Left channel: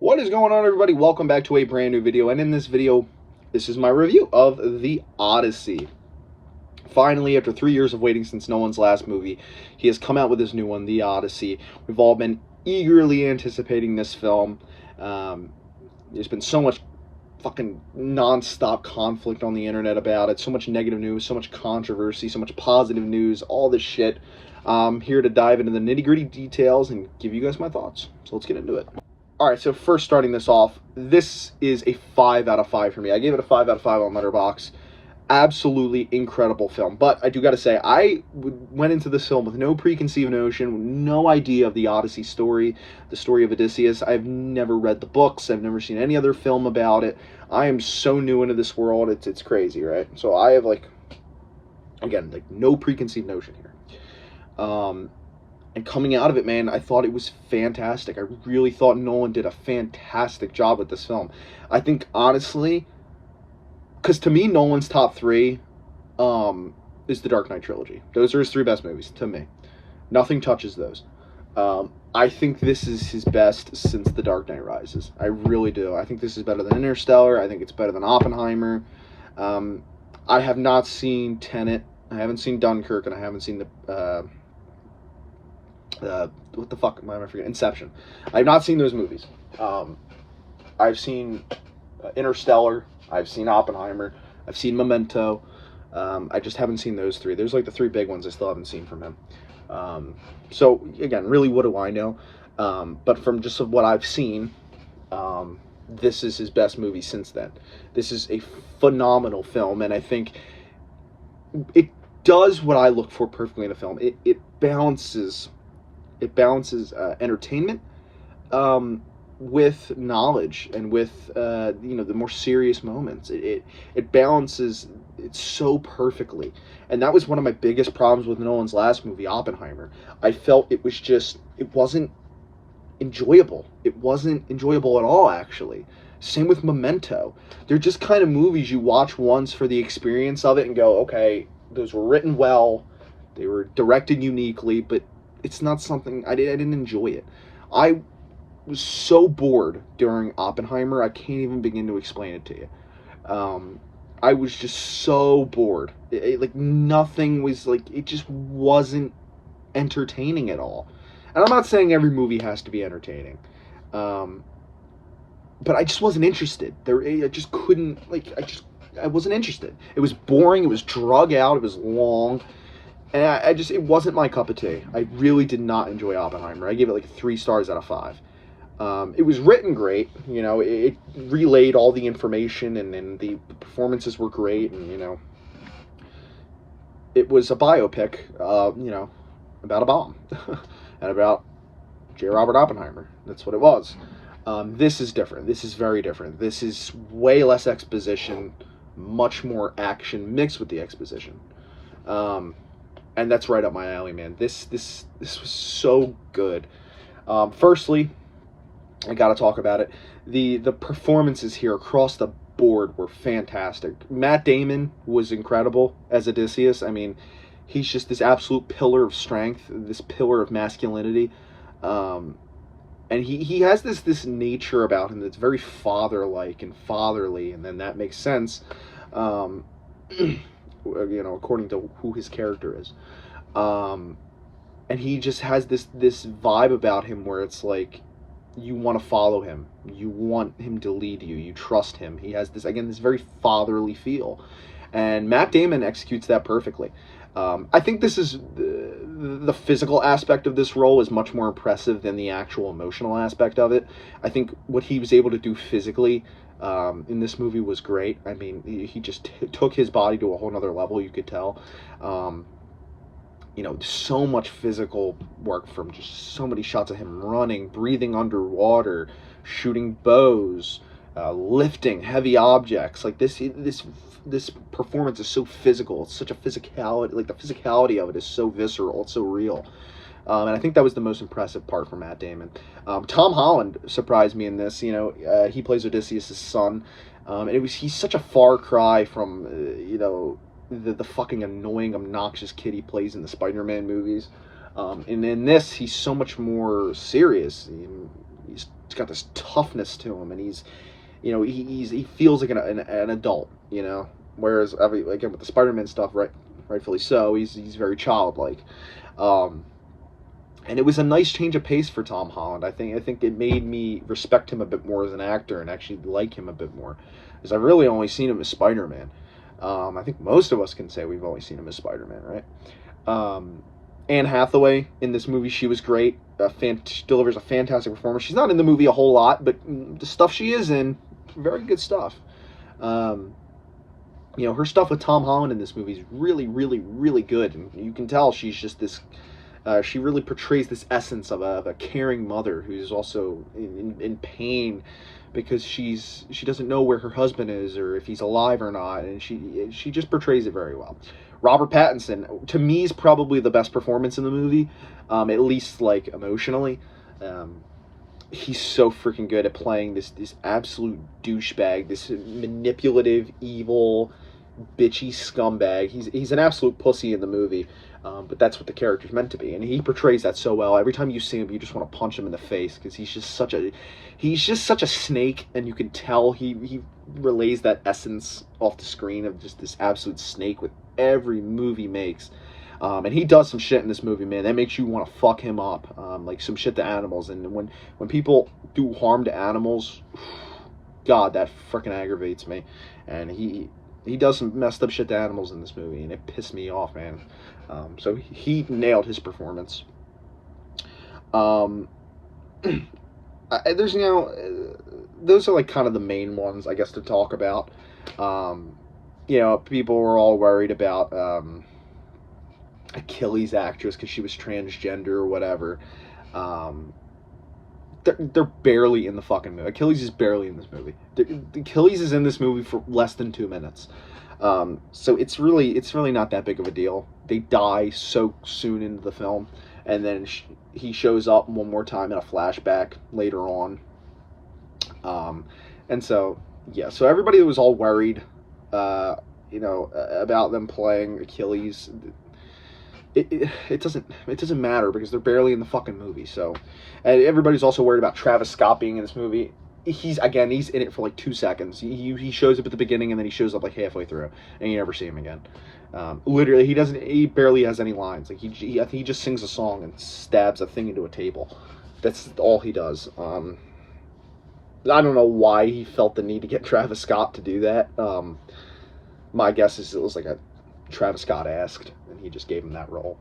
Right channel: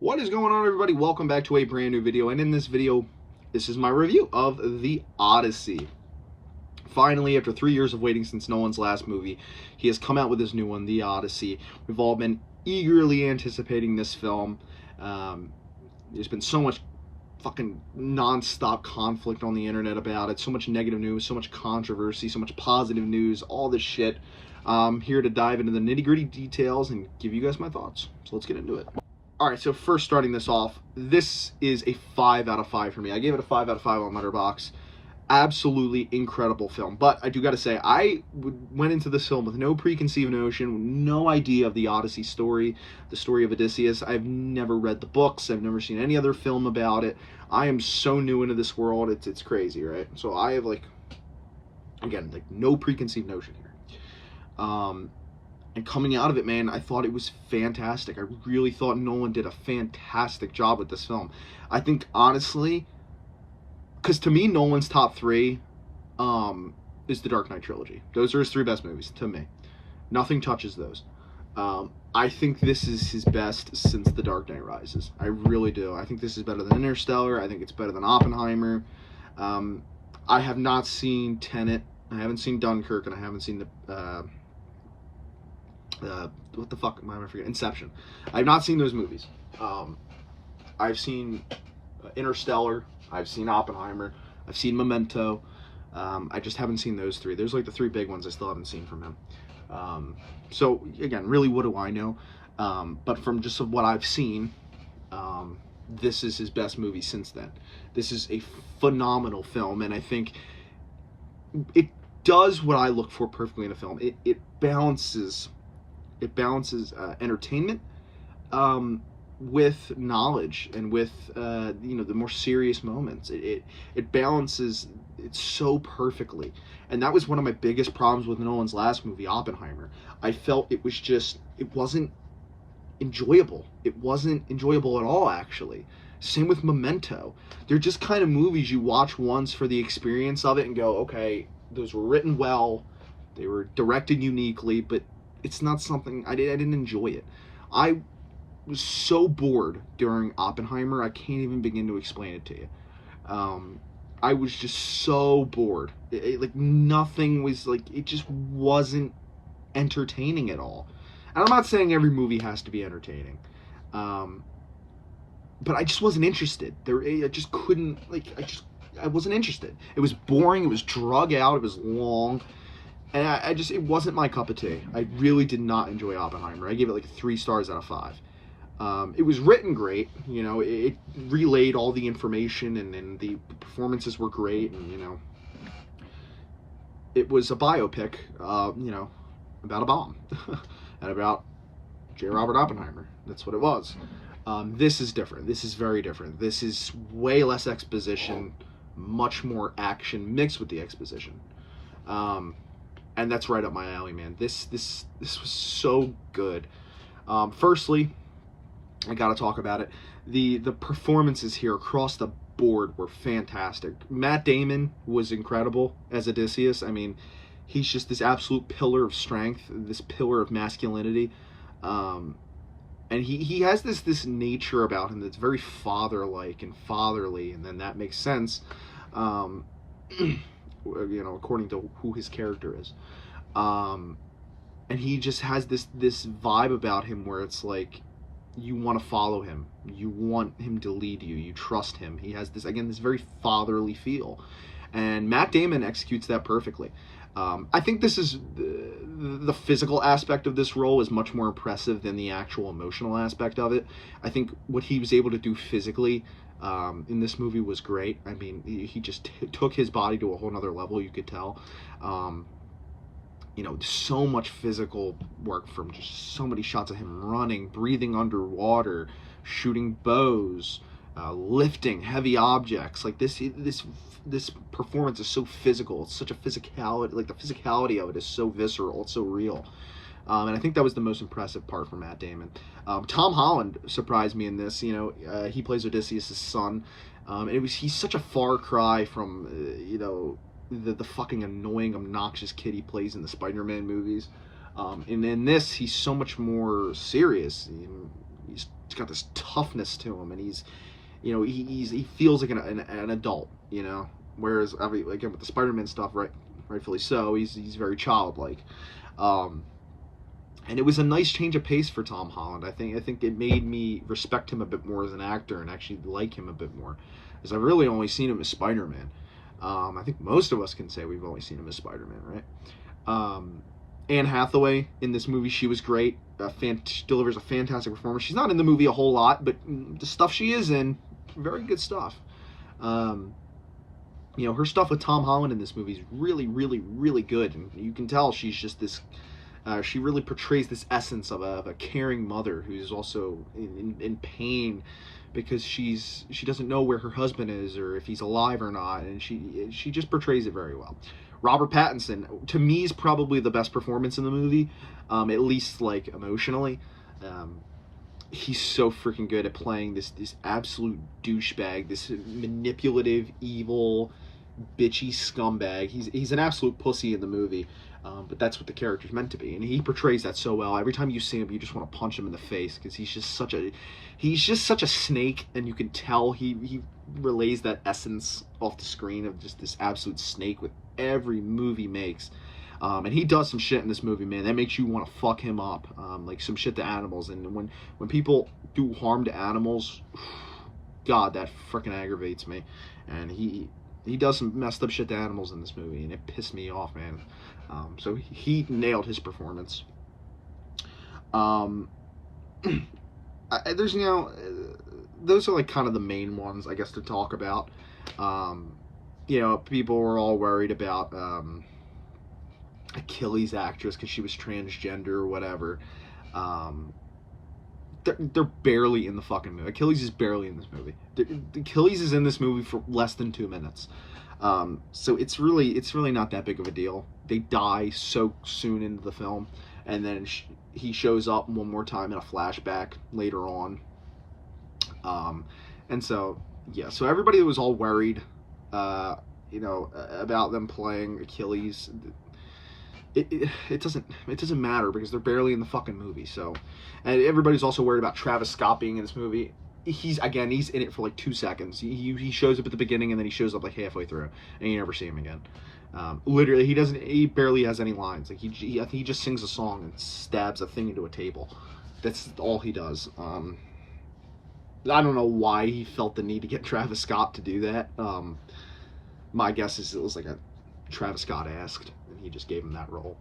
What is going on, everybody? Welcome back to a brand new video, and in this video, this is my review of the Odyssey. Finally, after 3 years of waiting since Nolan's last movie, he has come out with his new one, the Odyssey. We've all been eagerly anticipating this film. There's been so much fucking non-stop conflict on the internet about it, so much negative news, so much controversy, so much positive news, all this shit. I'm here to dive into the nitty-gritty details and give you guys my thoughts. So let's get into it. Alright, so first starting this off, this is a 5 out of 5 for me. I gave it a 5 out of 5 on Letterboxd. Absolutely incredible film. But I do gotta say, I went into this film with no preconceived notion, no idea of the Odyssey story, the story of Odysseus. I've never read the books. I've never seen any other film about it. I am so new into this world. It's crazy, right? So I have, again, no preconceived notion here. And coming out of it, man, I thought it was fantastic. I really thought Nolan did a fantastic job with this film. I think, honestly, because to me, Nolan's top 3 is the Dark Knight trilogy. Those are his 3 best movies, to me. Nothing touches those. I think this is his best since The Dark Knight Rises. I really do. I think this is better than Interstellar. I think it's better than Oppenheimer. I have not seen Tenet. I haven't seen Dunkirk, and I haven't seen what the fuck am I forgetting? Inception. I've not seen those movies. I've seen Interstellar. I've seen Oppenheimer. I've seen Memento. I just haven't seen those 3. There's like the 3 big ones I still haven't seen from him. So again, really, what do I know? But from just what I've seen, this is his best movie since then. This is a phenomenal film, and I think it does what I look for perfectly in a film. It balances entertainment with knowledge and with the more serious moments. It balances it so perfectly, and that was one of my biggest problems with Nolan's last movie, Oppenheimer. I felt it wasn't enjoyable. It wasn't enjoyable at all, actually. Same with Memento. They're just kind of movies you watch once for the experience of it and go, okay, those were written well, they were directed uniquely, but it's not something I didn't enjoy it. I was so bored during Oppenheimer, I can't even begin to explain it to you. I was just so bored. Nothing was it just wasn't entertaining at all. And I'm not saying every movie has to be entertaining, but I just wasn't interested. I just couldn't I wasn't interested. It was boring. It was drug out. It was long. And it wasn't my cup of tea. I really did not enjoy Oppenheimer. I gave it 3 stars out of 5. It was written great. It relayed all the information, and the performances were great. And, it was a biopic, about a bomb and about J. Robert Oppenheimer. That's what it was. This is different. This is very different. This is way less exposition, much more action mixed with the exposition. And that's right up my alley, man. This was so good. Firstly, I gotta talk about it. The performances here across the board were fantastic. Matt Damon was incredible as Odysseus. I mean, he's just this absolute pillar of strength, this pillar of masculinity. And he has this nature about him that's very father-like and fatherly, and then that makes sense. According to who his character is. And he just has this vibe about him where it's like you want to follow him. You want him to lead you. You trust him. He has this very fatherly feel. And Matt Damon executes that perfectly. I think this is the physical aspect of this role is much more impressive than the actual emotional aspect of it. I think what he was able to do physically in this movie was great. I mean, he just took his body to a whole nother level, you could tell. So much physical work from just so many shots of him running, breathing underwater, shooting bows, lifting heavy objects. This performance is so physical. It's such a physicality. The physicality of it is so visceral. It's so real. And I think that was the most impressive part for Matt Damon. Tom Holland surprised me in this. He plays Odysseus' son. And he's such a far cry from, the fucking annoying, obnoxious kid he plays in the Spider-Man movies. And in this, he's so much more serious. He's got this toughness to him, and he's, you know, he feels like an adult, you know. Whereas again with the Spider-Man stuff, rightfully so, he's very childlike. And it was a nice change of pace for Tom Holland. I think it made me respect him a bit more as an actor and actually like him a bit more, because I've really only seen him as Spider-Man. I think most of us can say we've only seen him as Spider-Man, right? Anne Hathaway in this movie, she was great. She delivers a fantastic performance. She's not in the movie a whole lot, but the stuff she is in, very good stuff. You know, her stuff with Tom Holland in this movie is really, really, really good. And you can tell she's just this, she really portrays this essence of a caring mother who's also in pain because she doesn't know where her husband is or if he's alive or not. And she just portrays it very well. Robert Pattinson, to me, is probably the best performance in the movie, at least, like, emotionally. He's so freaking good at playing this absolute douchebag, this manipulative, evil, bitchy scumbag. He's an absolute pussy in the movie, but that's what the character's meant to be, and he portrays that so well. Every time you see him, you just want to punch him in the face, because he's just such a snake, and you can tell he relays that essence off the screen of just this absolute snake with every movie he makes. And he does some shit in this movie, man, that makes you want to fuck him up, like some shit to animals. And when people do harm to animals, God, that freaking aggravates me. And he does some messed up shit to animals in this movie, and it pissed me off, man. So he nailed his performance. There's, you know, those are like kind of the main ones, I guess, to talk about. You know, people were all worried about Achilles' actress because she was transgender or whatever. They're barely in the fucking movie. Achilles is barely in this movie. Achilles is in this movie for less than 2 minutes. So it's really not that big of a deal. They die so soon into the film, and then he shows up one more time in a flashback later on. And so, yeah, so everybody was all worried, you know, about them playing Achilles. It doesn't matter because they're barely in the fucking movie. So, and everybody's also worried about Travis Scott being in this movie. He's in it for like 2 seconds. He shows up at the beginning, and then he shows up like halfway through, and you never see him again. Literally, he barely has any lines. Like I think he just sings a song and stabs a thing into a table. That's all he does. I don't know why he felt the need to get Travis Scott to do that. My guess is it was like a Travis Scott asked, and he just gave him that role.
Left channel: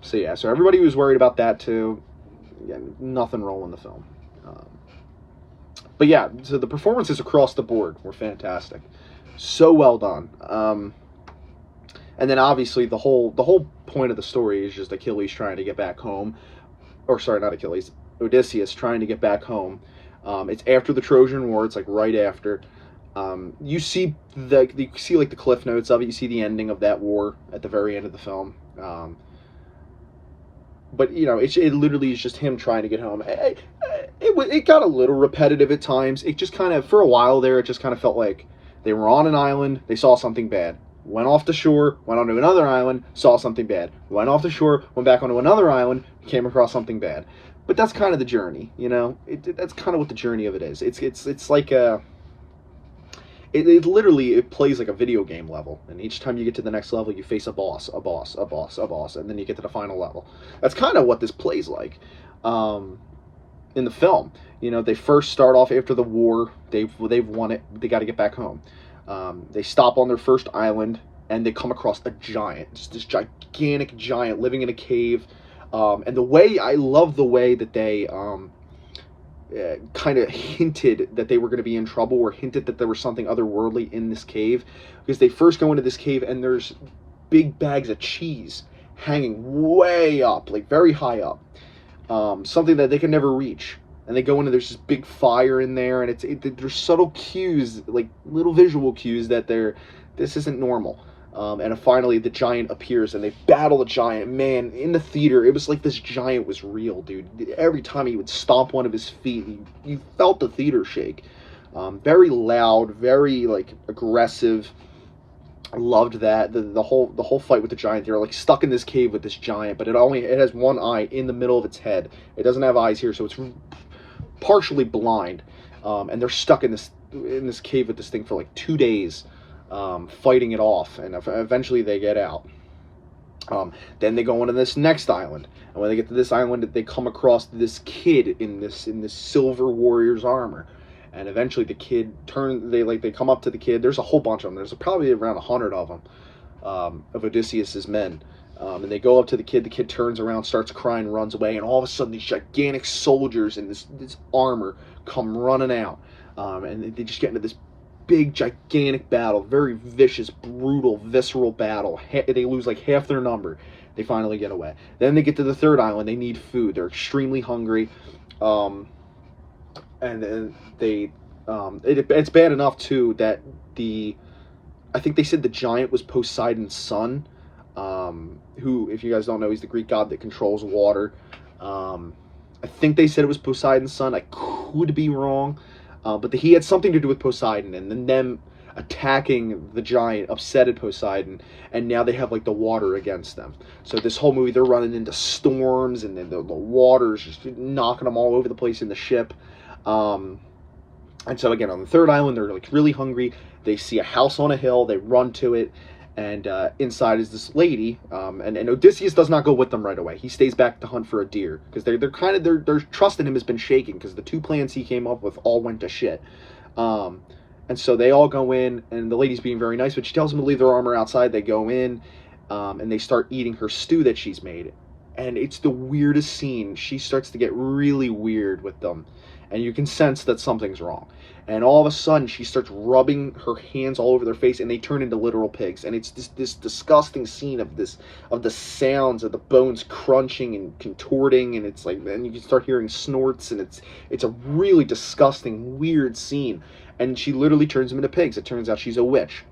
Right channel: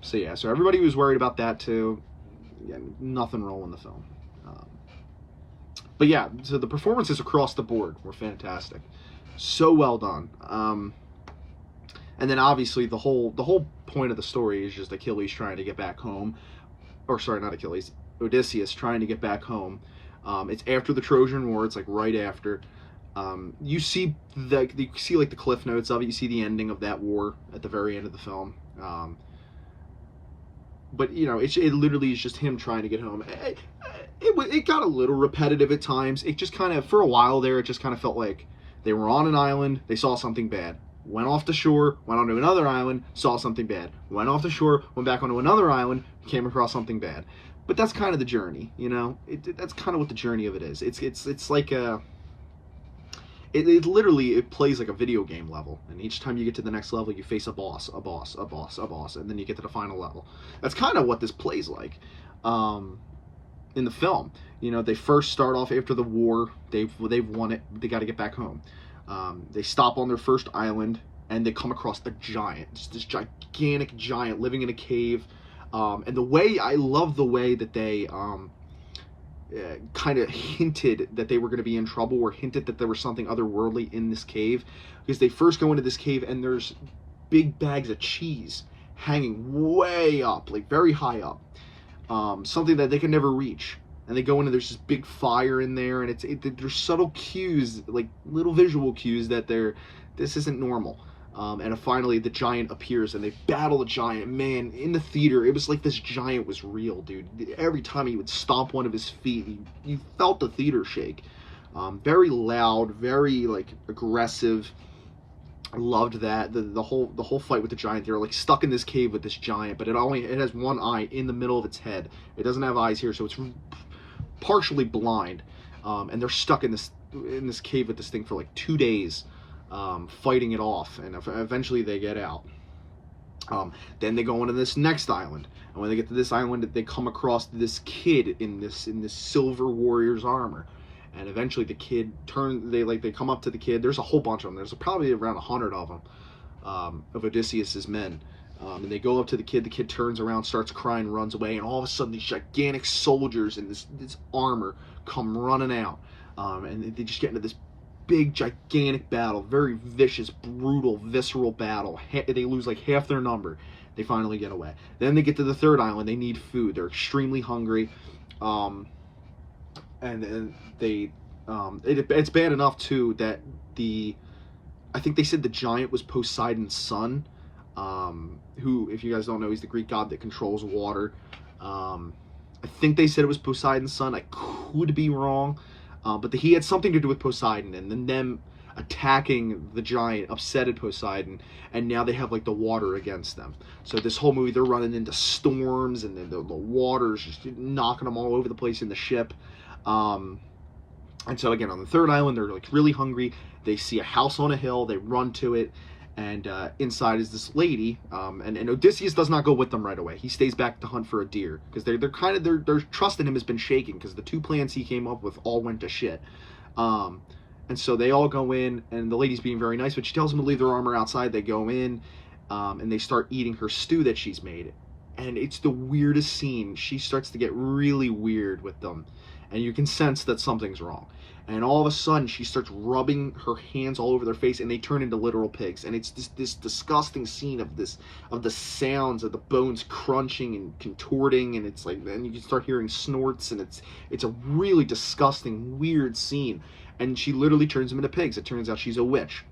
So yeah, so everybody was worried about that too. Yeah, nothing wrong in the film. But yeah, so the performances across the board were fantastic. So well done. And then obviously the whole point of the story is just Achilles trying to get back home. Or sorry, not Achilles. Odysseus trying to get back home. It's after the Trojan War. It's like right after. You see like the cliff notes of it. You see the ending of that war at the very end of the film. But you know, it literally is just him trying to get home. It got a little repetitive at times. It just kind of, for a while there, it just kind of felt like they were on an island, they saw something bad, went off the shore, went onto another island, saw something bad, went off the shore, went back onto another island, came across something bad. But that's kind of the journey, you know. That's kind of what the journey of it is. It's like a. It literally plays like a video game level, and each time you get to the next level, you face a boss, and then you get to the final level. That's kind of what this plays like. In the film, you know, they first start off after the war. They've won it. They got to get back home. They stop on their first island, and they come across a giant, just this gigantic giant living in a cave. And I love the way that they kind of hinted that they were going to be in trouble, or hinted that there was something otherworldly in this cave, because they first go into this cave and there's big bags of cheese hanging way up, like very high up, something that they can never reach. And they go in and there's this big fire in there, and there's subtle cues, like little visual cues that this isn't normal. And finally the giant appears and they battle the giant. Man, in the theater, it was like this giant was real, dude. Every time he would stomp one of his feet, you felt the theater shake. Very loud, very like aggressive. I loved that. The whole fight with the giant. They're like stuck in this cave with this giant, but it has one eye in the middle of its head. It doesn't have eyes here, so it's partially blind, and they're stuck in this cave with this thing for like 2 days, fighting it off, and eventually they get out. Then they go on to this next island, and when they get to this island, they come across this kid in this silver warrior's armor, and eventually the kid they come up to the kid. There's a whole bunch of them. There's probably around 100 of them, of Odysseus's men, and they go up to the kid. The kid turns around, starts crying, runs away, and all of a sudden these gigantic soldiers in this armor come running out, and they just get into this big, gigantic battle, very vicious, brutal, visceral battle. They lose like half their number. They finally get away. Then they get to the third island. They need food. They're extremely hungry, and then it's bad enough too that I think they said the giant was Poseidon's son, who, if you guys don't know, he's the Greek god that controls water. I think they said it was Poseidon's son. I could be wrong. But he had something to do with Poseidon, and then them attacking the giant upsetted Poseidon, and now they have like the water against them. So this whole movie, they're running into storms, and then the water's just knocking them all over the place in the ship. And so again, on the third island, they're like really hungry. They see a house on a hill. They run to it, and inside is this lady. And Odysseus does not go with them right away. He stays back to hunt for a deer, because their trust in him has been shaken, because the 2 plans he came up with all went to shit. And so they all go in, and the lady's being very nice, but she tells them to leave their armor outside. They go in, and they start eating her stew that she's made. And it's the weirdest scene. She starts to get really weird with them, and you can sense that something's wrong. And all of a sudden, she starts rubbing her hands all over their face, and they turn into literal pigs. And it's this disgusting scene of the sounds of the bones crunching and contorting, and it's like, and you can start hearing snorts, and it's a really disgusting, weird scene. And she literally turns them into pigs. It turns out she's a witch.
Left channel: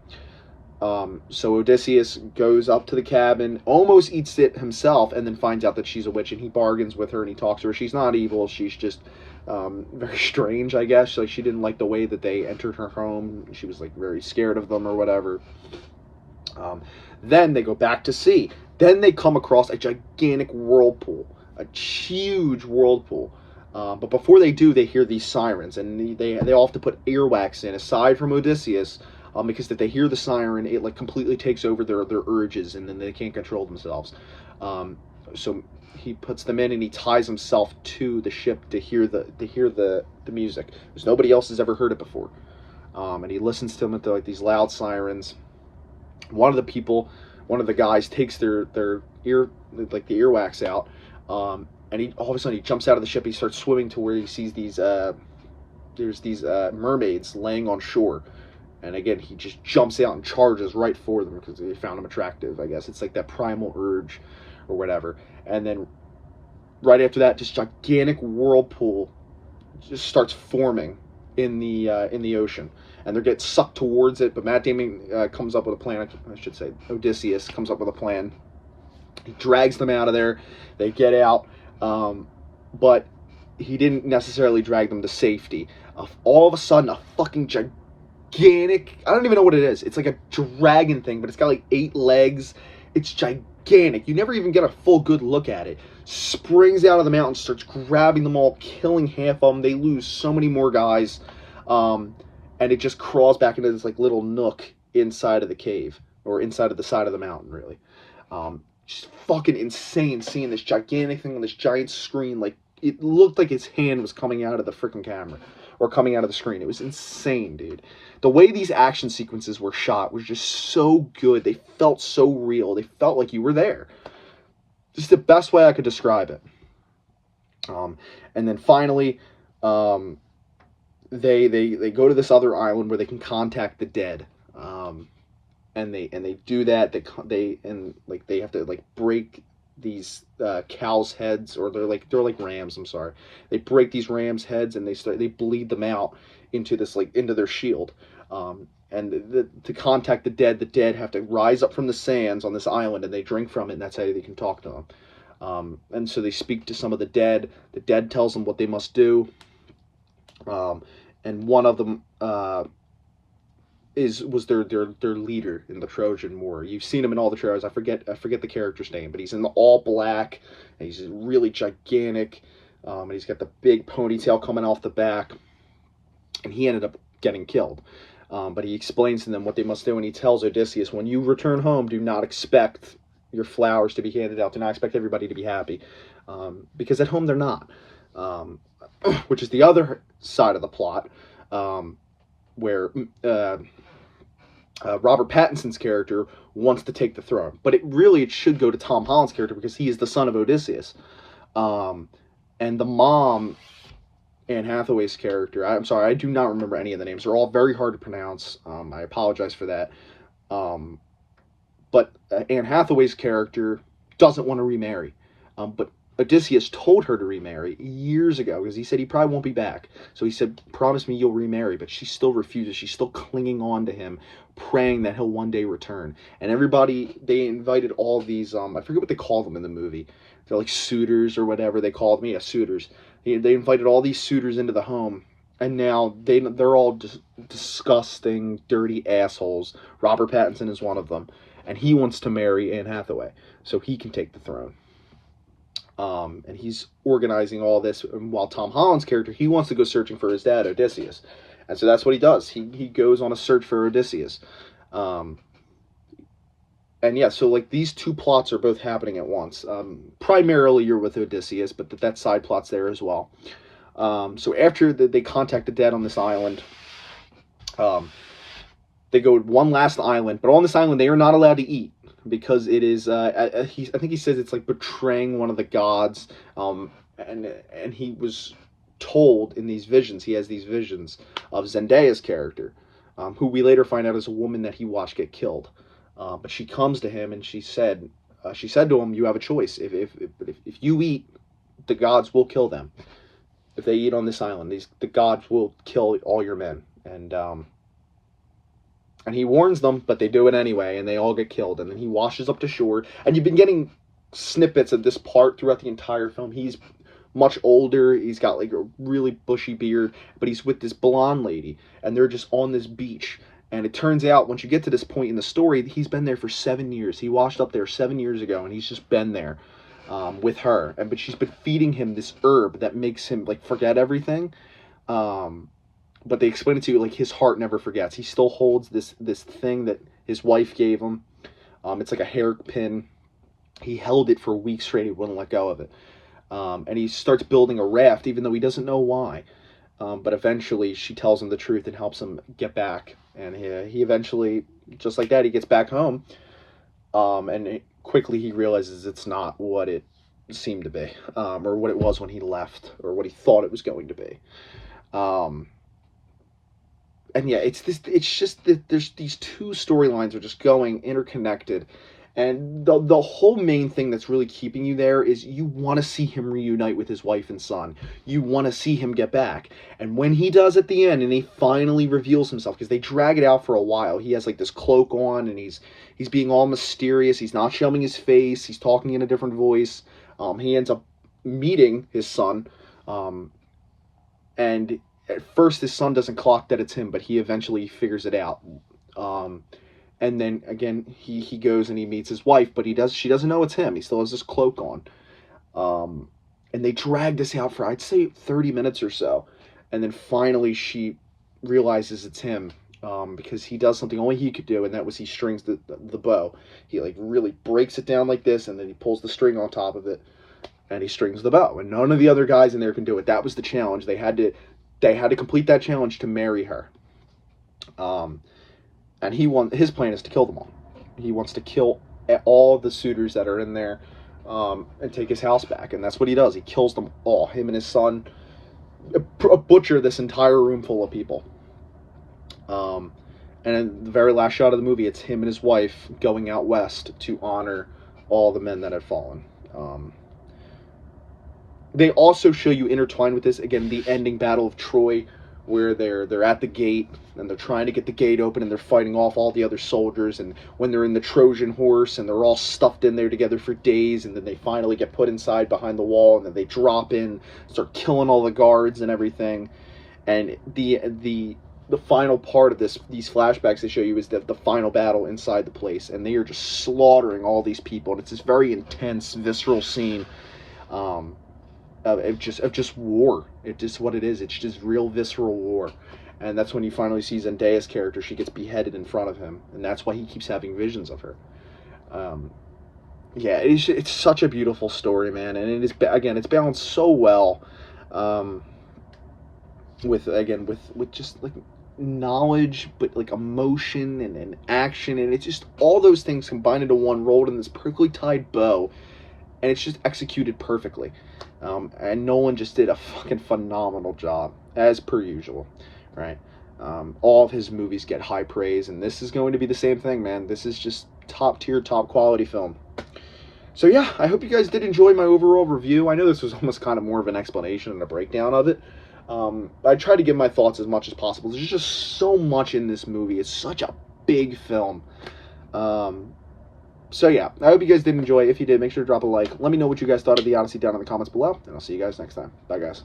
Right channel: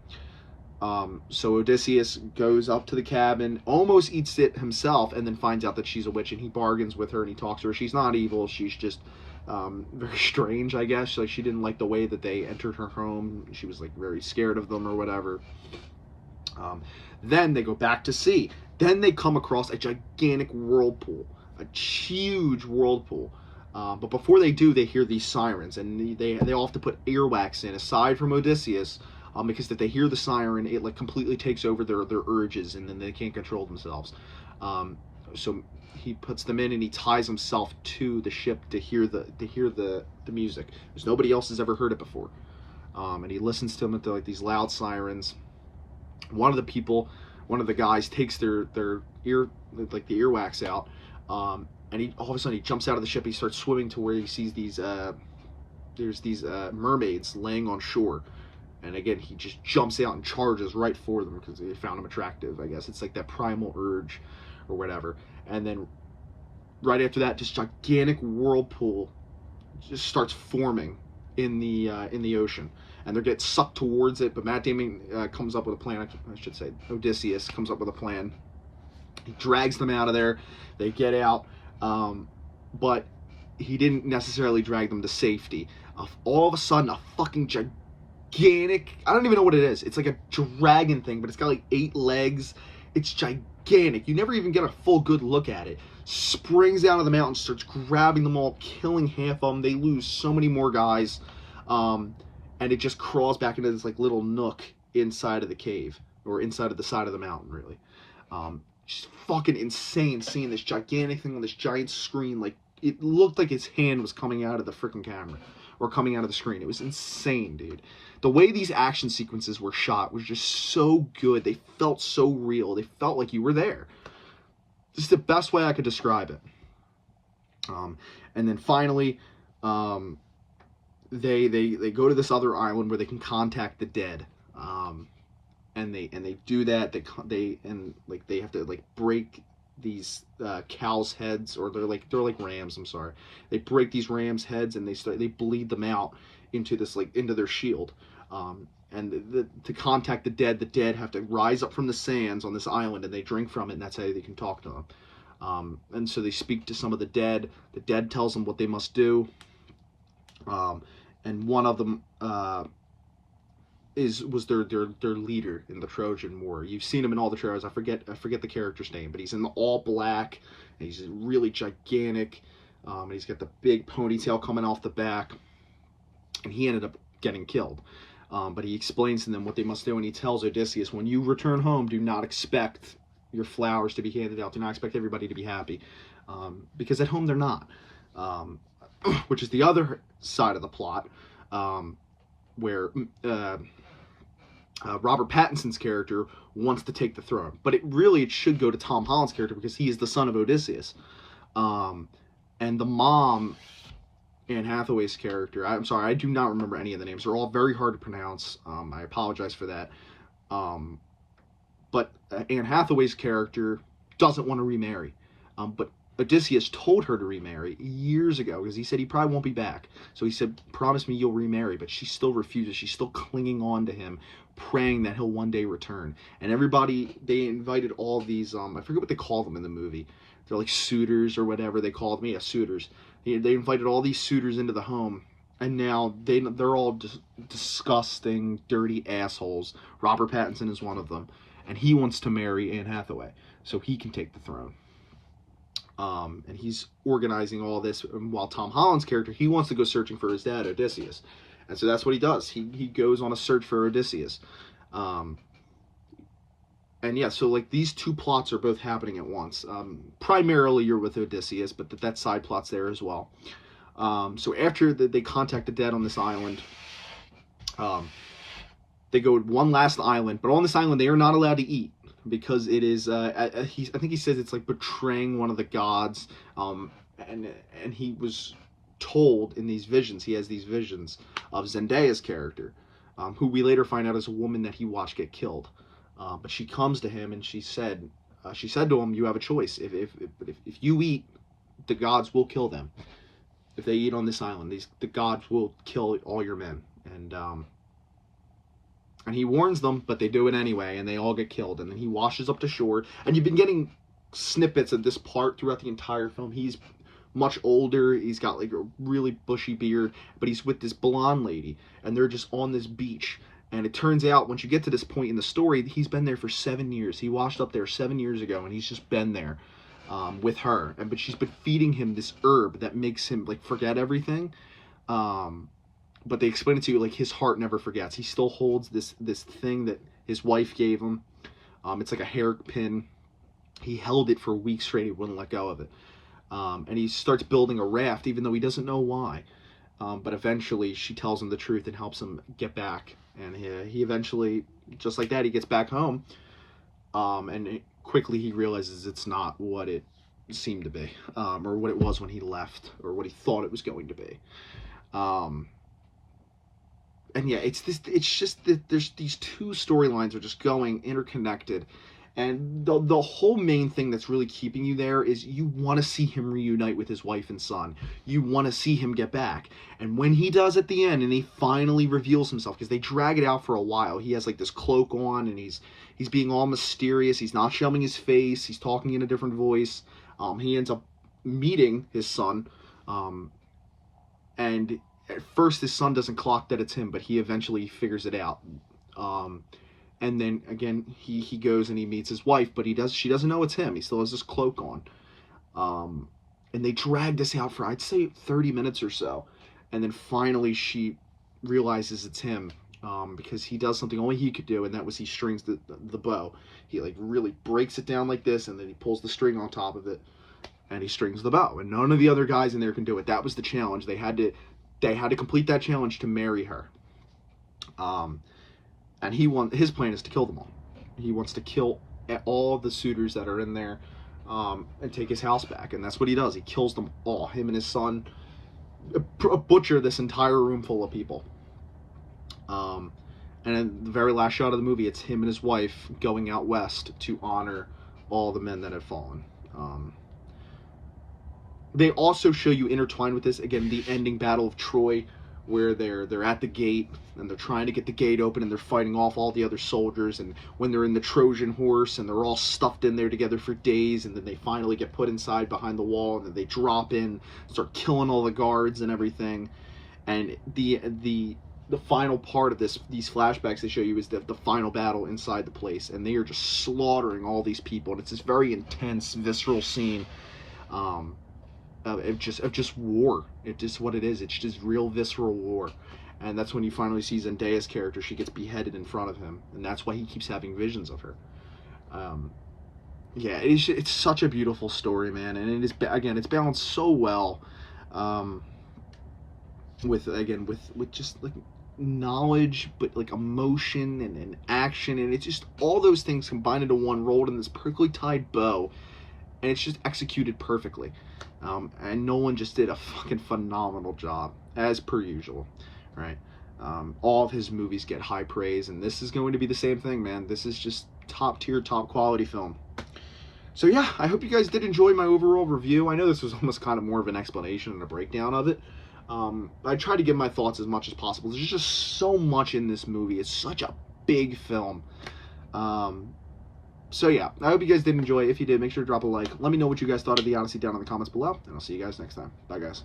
So Odysseus goes up to the cabin, almost eats it himself, and then finds out that she's a witch, and he bargains with her, and he talks to her. She's not evil. She's just very strange, I guess. Like, she didn't like the way that they entered her home. She was like very scared of them or whatever. Then they go back to sea. Then they come across a gigantic whirlpool, a huge whirlpool. But before they do, they hear these sirens, and they all have to put earwax in, aside from Odysseus, because if they hear the siren, it like completely takes over their urges, and then they can't control themselves. So he puts them in, and he ties himself to the ship to hear the music, because nobody else has ever heard it before. And he listens to them with like these loud sirens. One of the guys takes their the earwax out, and all of a sudden he jumps out of the ship. He starts swimming to where he sees these mermaids laying on shore. And again, he just jumps out and charges right for them because they found him attractive, I guess. It's like that primal urge or whatever. And then right after that, this gigantic whirlpool just starts forming in the ocean. And they get sucked towards it, but Matt Damon comes up with a plan. I should say Odysseus comes up with a plan. He drags them out of there. They get out, but he didn't necessarily drag them to safety. All of a sudden, a fucking gigantic, I don't even know what it is. It's like a dragon thing, but it's got like 8 legs. It's gigantic. You never even get a full good look at it. Springs out of the mountain, starts grabbing them all, killing half of them. They lose so many more guys. And it just crawls back into this like little nook inside of the cave, or inside of the side of the mountain, really. Just fucking insane seeing this gigantic thing on this giant screen. Like, it looked like its hand was coming out of the freaking camera, or coming out of the screen. It was insane, dude. The way these action sequences were shot was just so good. They felt so real. They felt like you were there. This is the best way I could describe it. And then finally, they go to this other island where they can contact the dead, and they do that. They have to like break these cows' heads, or they're like rams. I'm sorry. They break these rams' heads, and they bleed them out into their shield. And to contact the dead have to rise up from the sands on this island, and they drink from it, and that's how they can talk to them. And so they speak to some of the dead. The dead tells them what they must do. And one of them was their leader in the Trojan War. You've seen him in all the trailers. I forget the character's name, but he's in the all black, and he's really gigantic. and he's got the big ponytail coming off the back, and he ended up getting killed. But he explains to them what they must do, and he tells Odysseus, when you return home, do not expect your flowers to be handed out. Do not expect everybody to be happy, because at home they're not. Which is the other side of the plot, where Robert Pattinson's character wants to take the throne. But it should go to Tom Holland's character, because he is the son of Odysseus. And the mom, Anne Hathaway's character, I'm sorry, I do not remember any of the names. They're all very hard to pronounce. I apologize for that. But Anne Hathaway's character doesn't want to remarry. But Odysseus told her to remarry years ago, because he said he probably won't be back. So he said, promise me you'll remarry. But she still refuses. She's still clinging on to him, praying that he'll one day return. And everybody, they invited all these, I forget what they call them in the movie. They're like suitors or whatever they called me, suitors. They invited all these suitors into the home. And now they're all just disgusting, dirty assholes. Robert Pattinson is one of them. And he wants to marry Anne Hathaway so he can take the throne. And he's organizing all this, while Tom Holland's character, he wants to go searching for his dad, Odysseus. And so that's what he does. He goes on a search for Odysseus. And yeah, so like these two plots are both happening at once. Primarily you're with Odysseus, but that side plot's there as well. So after they contact the dead on this island, they go to one last island, but on this island they are not allowed to eat, because it is, I think he says it's like betraying one of the gods, and he was told in these visions, he has these visions of Zendaya's character, who we later find out is a woman that he watched get killed. But she comes to him and she said to him, you have a choice. If you eat, the gods will kill them. If they eat on this island, the gods will kill all your men. And he warns them, but they do it anyway, and they all get killed. And then he washes up to shore. And you've been getting snippets of this part throughout the entire film. He's much older. He's got like a really bushy beard, but he's with this blonde lady, and they're just on this beach. And it turns out, once you get to this point in the story, he's been there for 7 years. He washed up there 7 years ago, and he's just been there with her. But she's been feeding him this herb that makes him like forget everything. But they explain it to you like his heart never forgets. He still holds this thing that his wife gave him. It's like a hairpin. He held it for weeks straight. He wouldn't let go of it. And he starts building a raft, even though he doesn't know why. But eventually she tells him the truth and helps him get back. And he eventually, just like that, he gets back home. And quickly he realizes it's not what it seemed to be. Or what it was when he left. Or what he thought it was going to be. And yeah, it's just that there's these two storylines are just going interconnected. And the whole main thing that's really keeping you there is you want to see him reunite with his wife and son. You want to see him get back. And when he does at the end, and he finally reveals himself, because they drag it out for a while. He has like this cloak on, and he's being all mysterious. He's not showing his face. He's talking in a different voice. He ends up meeting his son. And at first his son doesn't clock that it's him, but he eventually figures it out. And then again, he goes and he meets his wife, but she doesn't know it's him. He still has this cloak on. And they drag this out for, I'd say, 30 minutes or so. And then finally she realizes it's him, because he does something only he could do, and that was he strings the bow. He like really breaks it down like this, and then he pulls the string on top of it, and he strings the bow. And none of the other guys in there can do it. That was the challenge. They had to complete that challenge to marry her. And his plan is to kill them all. He wants to kill all the suitors that are in there, and take his house back. And that's what he does. He kills them all. Him and his son butcher this entire room full of people. And in the very last shot of the movie, it's him and his wife going out west to honor all the men that have fallen. They also show you intertwined with this, again, the ending Battle of Troy, where they're at the gate, and they're trying to get the gate open, and they're fighting off all the other soldiers, and when they're in the Trojan horse, and they're all stuffed in there together for days, and then they finally get put inside behind the wall, and then they drop in, start killing all the guards and everything. And the final part of these flashbacks they show you is the final battle inside the place, and they are just slaughtering all these people, and it's this very intense, visceral scene. of just war. It's just what it is. It's just real visceral war. And that's when you finally see Zendaya's character. She gets beheaded in front of him, and that's why he keeps having visions of her. Yeah, it's such a beautiful story, man, and it is, again, it's balanced so well, with just like knowledge, but like emotion and action, and it's just all those things combined into one, rolled in this perfectly tied bow, and it's just executed perfectly. And Nolan just did a fucking phenomenal job, as per usual, right? All of his movies get high praise, and this is going to be the same thing, man. This is just top tier, top quality film. So yeah, I hope you guys did enjoy my overall review. I know this was almost kind of more of an explanation and a breakdown of it. I try to give my thoughts as much as possible. There's just so much in this movie. It's such a big film. So yeah, I hope you guys did enjoy. If you did, make sure to drop a like. Let me know what you guys thought of the Odyssey down in the comments below, and I'll see you guys next time. Bye, guys.